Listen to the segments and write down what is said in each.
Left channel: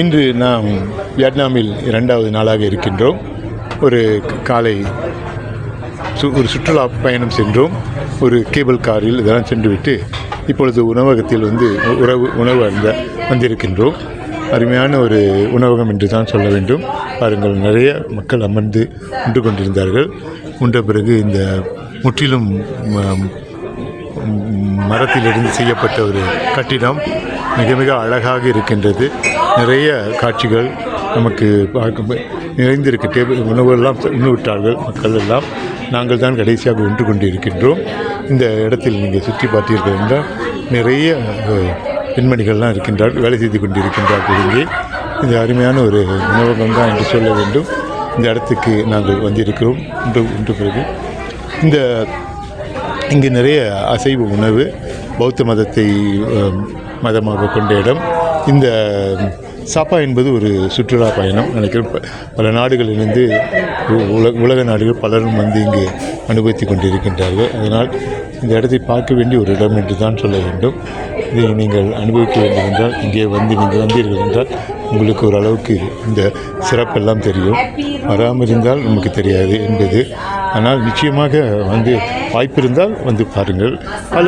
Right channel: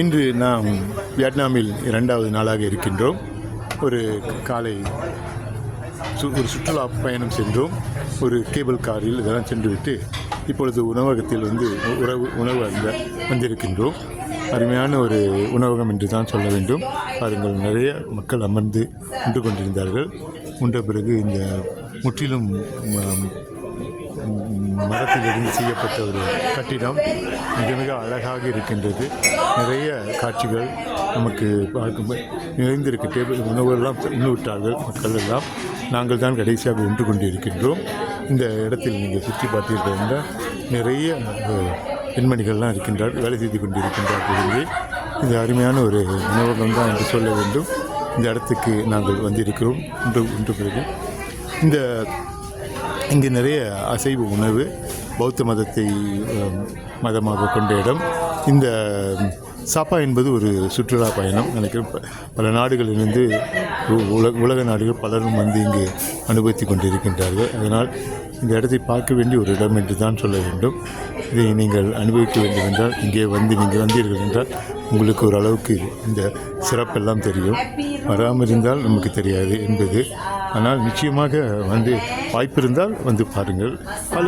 இன்று நாம் வியட்நாமில் 2வது நாளாக இருக்கின்றோம். ஒரு காலை ஒரு சுற்றுலா பயணம் சென்றோம். ஒரு கேபிள் காரில் இதெல்லாம் சென்றுவிட்டு இப்பொழுது உணவகத்தில் உணவு அருந்த வந்திருக்கின்றோம். அருமையான ஒரு உணவகம் என்று தான் சொல்ல வேண்டும். பாருங்கள், நிறைய மக்கள் அமர்ந்து உண்டு கொண்டிருந்தார்கள். உண்ட பிறகு இந்த முற்றிலும் மரத்திலிருந்து செய்யப்பட்ட ஒரு கட்டிடம் மிக மிக அழகாக இருக்கின்றது. நிறைய காட்சிகள் நமக்கு பார்க்க நிறைந்திருக்கு. டேபிள் உணவுகள்லாம் உண்ணுவிட்டார்கள் மக்கள் எல்லாம். நாங்கள் தான் கடைசியாக ஒன்று கொண்டு இருக்கின்றோம். இந்த இடத்தில் நீங்கள் சுற்றி பார்த்தீர்கள் என்றால் நிறைய பெண்மணிகள்லாம் இருக்கின்றார்கள், வேலை செய்து கொண்டு இருக்கின்றார்கள். இங்கே இந்த அருமையான ஒரு உணவகம் தான் என்று சொல்ல வேண்டும். இந்த இடத்துக்கு நாங்கள் வந்திருக்கிறோம் ஒன்று பிறகு. இங்கே நிறைய அசைவ உணவு, பௌத்த மதத்தை மதமாக கொண்ட இடம். இந்த சாப்பா என்பது ஒரு சுற்றுலா பயணம் நினைக்கிறேன். பல நாடுகளிலிருந்து உலக நாடுகள் பலரும் வந்து இங்கு அனுபவித்து கொண்டிருக்கின்றார்கள். அதனால் இந்த இடத்தை பார்க்க வேண்டிய ஒரு இடம் என்று தான் சொல்ல வேண்டும். இதை நீங்கள் அனுபவிக்க வேண்டும் என்றால் இங்கே நீங்கள் வந்தீர்கள் என்றால் உங்களுக்கு ஓரளவுக்கு இந்த சிறப்பெல்லாம் தெரியும். வராமல் இருந்தால் நமக்கு தெரியாது என்பது. ஆனால் நிச்சயமாக வாய்ப்பிருந்தால் வந்து பாருங்கள். பல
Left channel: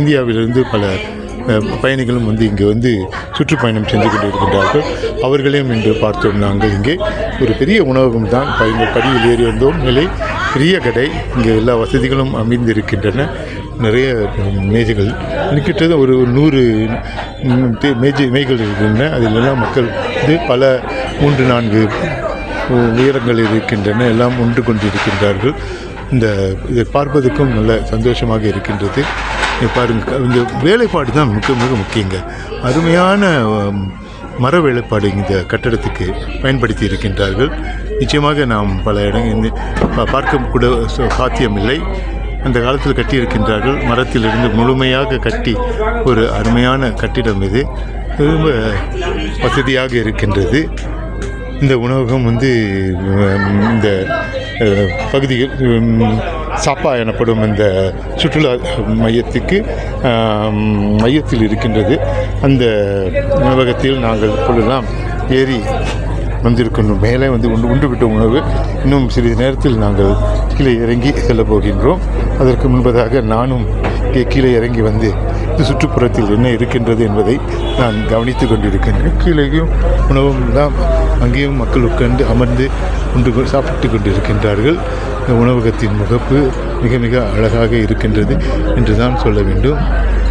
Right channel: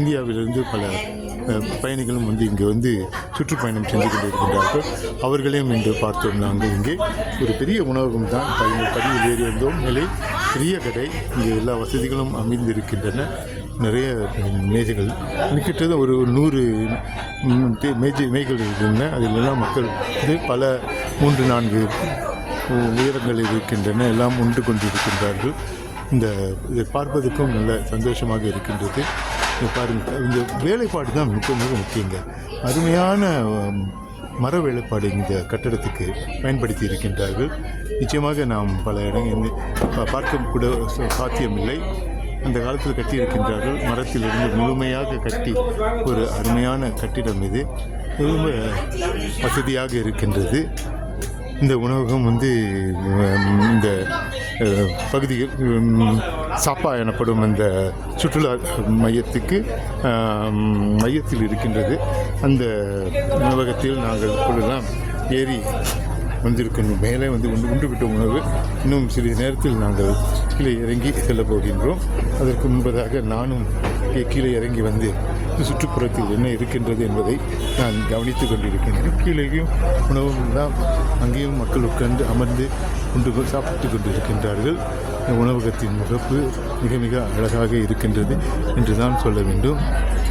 இந்தியாவிலிருந்து பல பயணிகளும் இங்கே சுற்றுப்பயணம் சென்று கொண்டு இருக்கின்றார்கள். அவர்களையும் இன்று பார்த்தோம். நாங்கள் இங்கே ஒரு பெரிய உணவகம் தான். படியில் ஏறி வந்தோம். நிலை பெரிய கடை. இங்கே எல்லா வசதிகளும் அமைந்திருக்கின்றன. நிறைய மேஜைகள் கிட்டத்தட்ட ஒரு 100 மேய்கள் இருக்கின்றன. அதிலெல்லாம் மக்கள் பல 3-4 உயரங்கள் இருக்கின்றன. எல்லாம் ஒன்று கொண்டிருக்கின்றார்கள். இதை பார்ப்பதற்கும் நல்ல சந்தோஷமாக இருக்கின்றது. பாருங்கள், இந்த வேலைப்பாடு தான் மிக மிக முக்கியங்க. அருமையான மர வேலைப்பாடு இந்த கட்டடத்துக்கு பயன்படுத்தி இருக்கின்றார்கள். நிச்சயமாக நாம் பல இடங்கள் பார்க்க கூட சாத்தியமில்லை. அந்த காலத்தில் கட்டியிருக்கின்றார்கள். மரத்திலிருந்து முழுமையாக கட்டி ஒரு அருமையான கட்டிடம் இது. ரொம்ப வசதியாக இருக்கின்றது. இந்த உணவகம் இந்த பகுதியில் சாப்பா எனப்படும் இந்த சுற்றுலா மையத்தில் இருக்கின்றது. அந்த உணவகத்தில் நாங்கள் இப்பொழுதெல்லாம் ஏறி வந்திருக்கின்றோம். மேலே உண்டு விட்ட உணவு. இன்னும் சிறிது நேரத்தில் நாங்கள் கீழே இறங்கி செல்ல போகின்றோம். அதற்கு முன்பதாக நானும் கீழே இறங்கி இந்த சுற்றுப்புறத்தில் என்ன இருக்கின்றது என்பதை நான் கவனித்து கொண்டிருக்கின்றேன். கீழேயும் உணவும் தான். அங்கேயும் மக்கள் உட்கார்ந்து அமர்ந்து சாப்பிட்டு கொண்டிருக்கின்றார்கள். இந்த உணவகத்தின் முகப்பு மிக மிக அழகாக இருக்கின்றது என்று தான் சொல்ல வேண்டும்.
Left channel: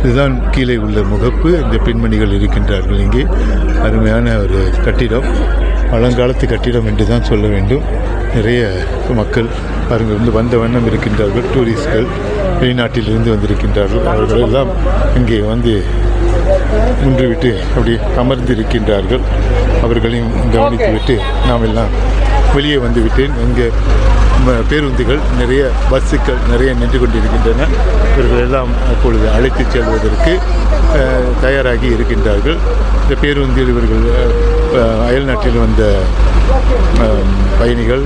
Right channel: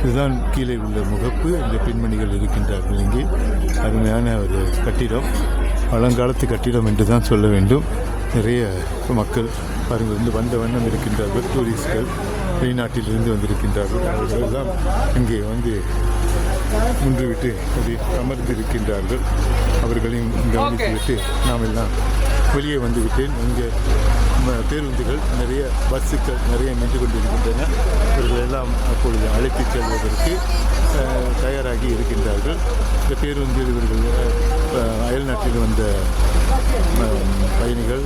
இதுதான் கீழே உள்ள முகப்பு. இந்த பெண்மணிகள் இருக்கின்றார்கள். இங்கே அருமையான ஒரு கட்டிடம், பழங்காலத்து கட்டிடம் என்று தான் சொல்ல வேண்டும். நிறைய மக்கள் பாருங்கள் வந்த வண்ணம் இருக்கின்றார்கள். டூரிஸ்ட்கள் வெளிநாட்டிலிருந்து வந்திருக்கின்றார்கள். அவர்கள் எல்லாம் இங்கே முன்றுவிட்டு அப்படி அமர்ந்து இருக்கின்றார்கள். அவர்களையும் கவனித்துவிட்டு நாம் எல்லாம் வெளியே வந்துவிட்டேன். இங்கே பேருந்துகள் நிறைய, பஸ்ஸுகள் நிறைய நின்று கொண்டிருக்கின்றன. இவர்கள் எல்லாம் அப்பொழுது அழைத்து செல்வதற்கு தயாராகி இருக்கின்றார்கள். இந்த பேருந்தில் இவர்கள் அயல்நாட்டில் வந்த பயணிகள்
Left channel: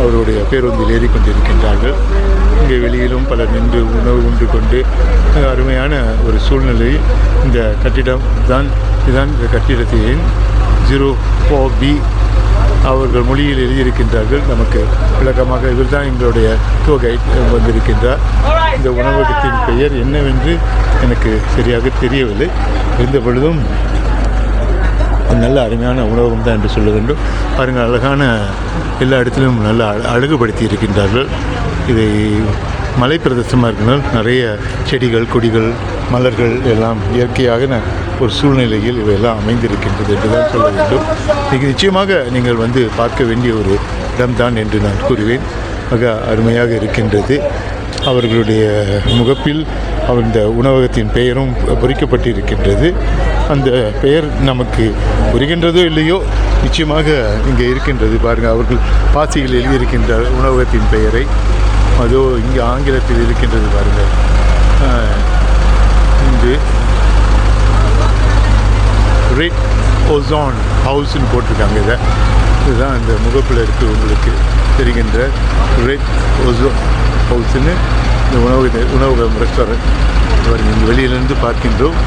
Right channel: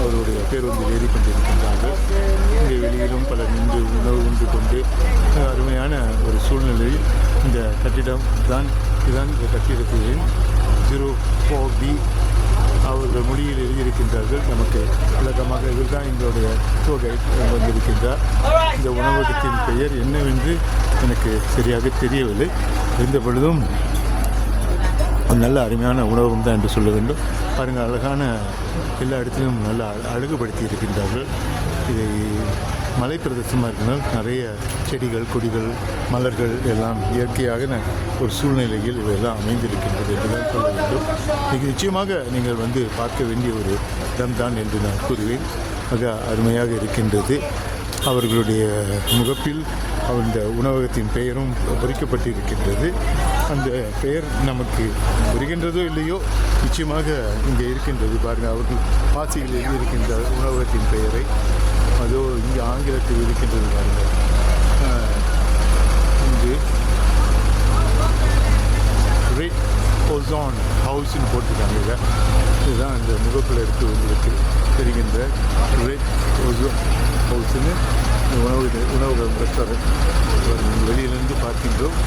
அவருடைய பேருந்தில் ஏறிக்கொண்டிருக்கின்றார்கள். இங்கே வெளியிலும் பலர் நின்று உணவு உண்டு கொண்டு அருமையான ஒரு சூழ்நிலை. இந்த கட்டிடம் இதுதான் இந்த கட்டிடத்தின் 04B அவர்கள் மொழியில் எழுதியிருக்கின்றார்கள். நமக்கு விளக்கமாக இவர் தான் எங்களுடைய டூர் கைட் வந்திருக்கின்றார். இந்த உணவகத்தின் பெயர் என்னவென்று எனக்கு சரியாக தெரியவில்லை. இருந்த பொழுதும் நல்ல அருமையான உணவகம் தான் என்று சொல்ல வேண்டும். பாருங்கள், அழகான எல்லா இடத்திலும் நல்ல அழகுபடுத்தி இருக்கின்றார்கள். இதை மலை பிரதேசமாக இருக்கிறால் நிறைய செடிகள், கொடிகள், மலர்கள் எல்லாம் இயற்கையாக ஒரு சூழ்நிலையில் இவையெல்லாம் அமைந்திருக்கின்றது என்று தான் சொல்ல வேண்டும். இது நிச்சயமாக நீங்கள் பார்க்க வேண்டிய ஒரு இடம்தான் என்று நான் கூறுவேன். மிக அருமையாக இருக்கின்றது. அவர்களுடைய முகப்பில் இந்த உணவகத்தின் பெயரும் பொறிக்கப்பட்டிருக்கின்றது. அந்த பெயர் நமக்கு புரிகின்றதோ இல்லையோ, நிச்சயமாக இங்கே இருக்கின்றது. பாருங்கள், அவர்கள் பாசியில் எழுதியிருக்கின்ற உணவகத்தின் பெயரை. அதோ இங்கே ஆங்கிலத்தில் இருக்கின்றது பாருங்கள். இன்று ரெட் ஓசோன் ஹவுஸ்ன்னு போட்டிருக்காங்க. இதுதான் இந்த முகப்பில் இருக்குது. உங்களுக்கு தெரிகின்ற ரெட் ஓசோன் ஹவுஸ்ன்னு இந்த உணவகம் ரெஸ்டாரண்ட் இந்த வெளியிலிருந்து பார்க்கின்றோம்.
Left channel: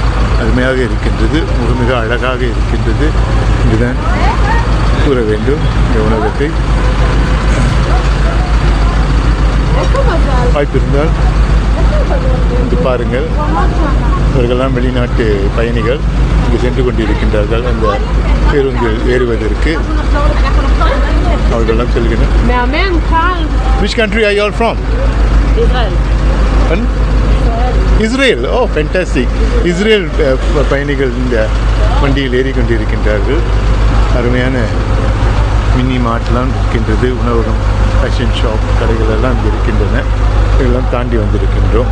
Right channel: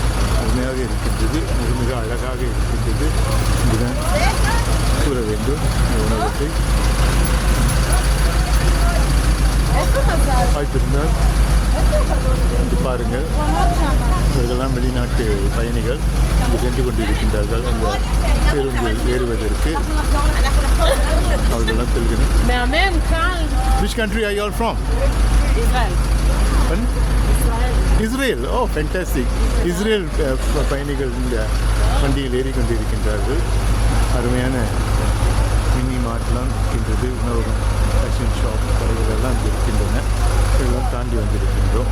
அருமையாக இருக்கின்றது, மிக அழகாக இருக்கின்றது. இதுதான் கூற வேண்டும் இந்த உணவகத்தை. வாய்ப்பு இருந்தால் இது பாருங்கள். இவர்களெல்லாம் வெளிநாட்டு பயணிகள் இங்கு சென்று கொண்டிருக்கின்றார்கள். அந்த பேருந்தில் ஏறுவதற்கு அவர்களெல்லாம் செல்கின்றனர். Which country are you all from? Israel. Oh, fantastic. Israel பயணிகள் இந்த வண்டியில் ஏறிக்கொண்டிருக்கின்றார்கள். அருமையான மினி மார்ட்லாம் இருக்கின்றது. உணவகம், ஃபேஷன் ஷாப் கடைகள் எல்லாம் இங்கே இருக்கின்றன. இதெல்லாம் தாண்டி வந்திருக்கின்றோம்.